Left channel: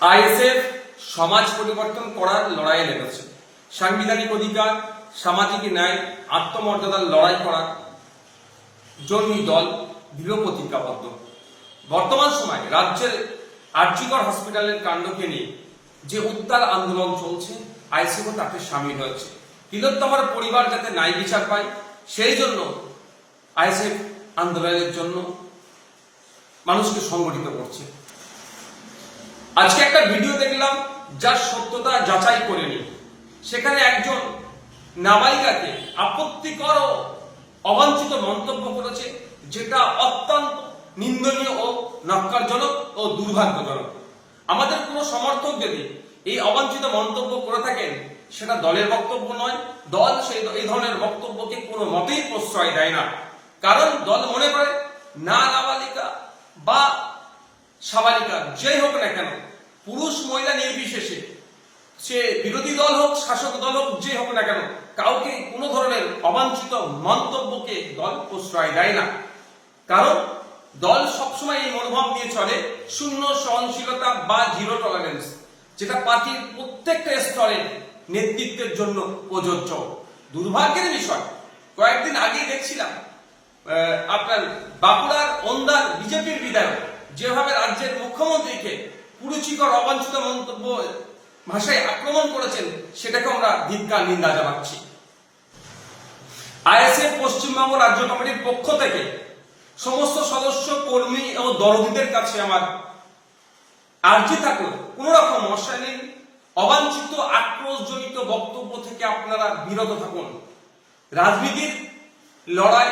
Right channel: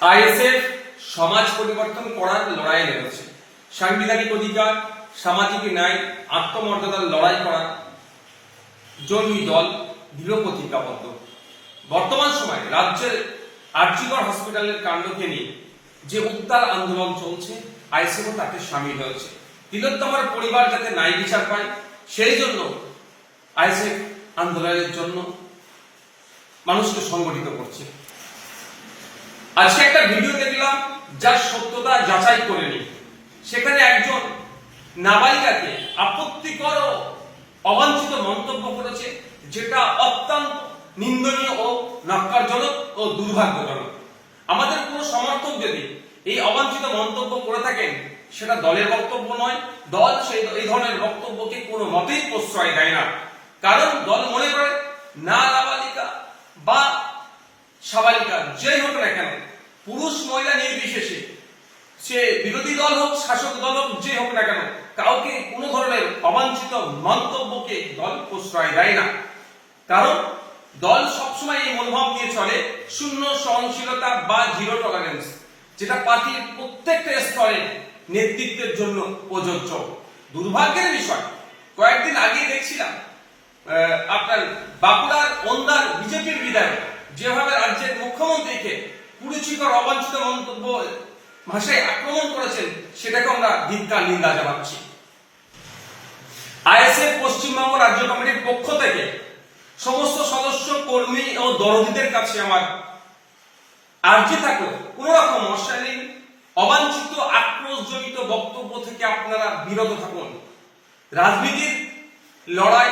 ISF সমাজ পরিবর্তন করার লড়াইয়ে নেমেছে। সাংবিধানিক অধিকার, সামাজিক ন্যায়, আত্মমর্যাদার লড়াই করার জন্যই দল দৃঢ় প্রতিজ্ঞাবদ্ধ। বর্তমান সময়ে রাজ্যের আরজিকর হসপিটালের কাণ্ডকে নিয়ে যে উত্তাল আন্দোলন চলছে, আইএসএফও তাতে সামিল হয়েছে। তিলোত্তমার পরিবার যাতে ন্যায় বিচার পায়, সেই জন্য আইএসএফ আন্দোলনের জন্য মানুষকে সংগঠিত করছে। আজকে একটা ভিডিও দেখলাম যার সত্যতা যাচাই করেনি। সেখানে একজন নাবালিকাকে আপত্তিকর ও অবাঞ্ছিত মন্তব্য করেছে, যেটা অত্যন্ত নিন্দনীয় ও নক্কারজনক ও দুর্ভাগ্যজনক। আমাদের কোনো সমর্থক যদি এই অবাঞ্ছিত মন্তব্য করে থাকেন, সেটা দলের বক্তব্য নয়। দল এই ধরনের বক্তব্যকে কোনো মতেই প্রশ্রয় দেয় না। কারণ দল মনে করে না নাবালিকা বা সাবালিকা যেই হোক না কেন, পুরুষ মহিলা নির্বিশেষে, সে বিরোধী দল হোক শাসক দল হোক যে হোক না কেন, কাউকে কোনো ধরনের অবাঞ্ছিত মন্তব্যকে দল প্রশ্রয় দেয় না। কারণ দল সবসময় এই মনোভাব নিয়ে চলে শূন্য সহনশীলতা বা জিরো টলারেন্স, যেটা পার্টির প্রত্যেকটা স্তরে নেতৃত্বের জন্য প্রযোজ্য। দুর্ভাগ্যের বিষয়, কয়েকদিন আগে দেখছিলাম আপনার বাঁকুড়ার ওন্দার বিজেপির বিধায়ক যেভাবে রাজ্যের মুখ্যমন্ত্রীকে কুরুচিকর অবাঞ্ছিত মন্তব্য ভাষায় আক্রমণ করেছেন, সেটাকে আমরা ধিক্কার নিন্দা জানাচ্ছি। আইএসএফ পশ্চিমবঙ্গ রাজ্য কমিটির পক্ষ থেকে সমস্ত সদস্য, কর্মী ও দরদীদের কাছে আমার আর্জি থাকলো, কোন রকম অশালীন, অবাঞ্ছিত, আক্রোশজনিত বক্তব্য থেকে আপনারা বিরত থাকুন। রাজনীতির লড়াই,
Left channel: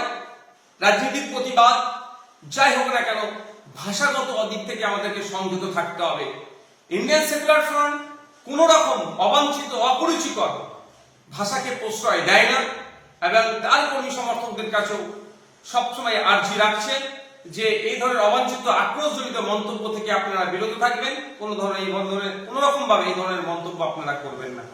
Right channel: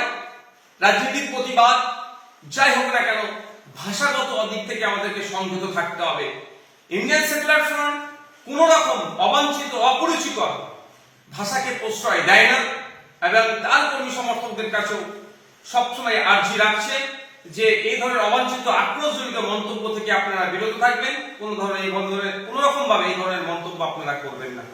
রাজনীতির প্রতিবাদ যাই হোক না কেন, ভাষাগত দিক থেকে আমাদেরকে সংযত থাকতে হবে। ইন্ডিয়ান সেকুলার ফ্রন্ট কোন রকম অবাঞ্ছিত, অপরিচিকর ভাষাকে প্রশ্রয় দেয় না এবং তার কর্মী সমর্থকদের কাছেও সবসময় আর্জি রাখছে যে এই ধরনের অবাঞ্ছিত, আক্রোশজনিত মন্তব্য থেকে আপনারা বিরত থাকবেন। কোন রকম ভাবে এই ধরনের মন্তব্য আপনারা করবেন না।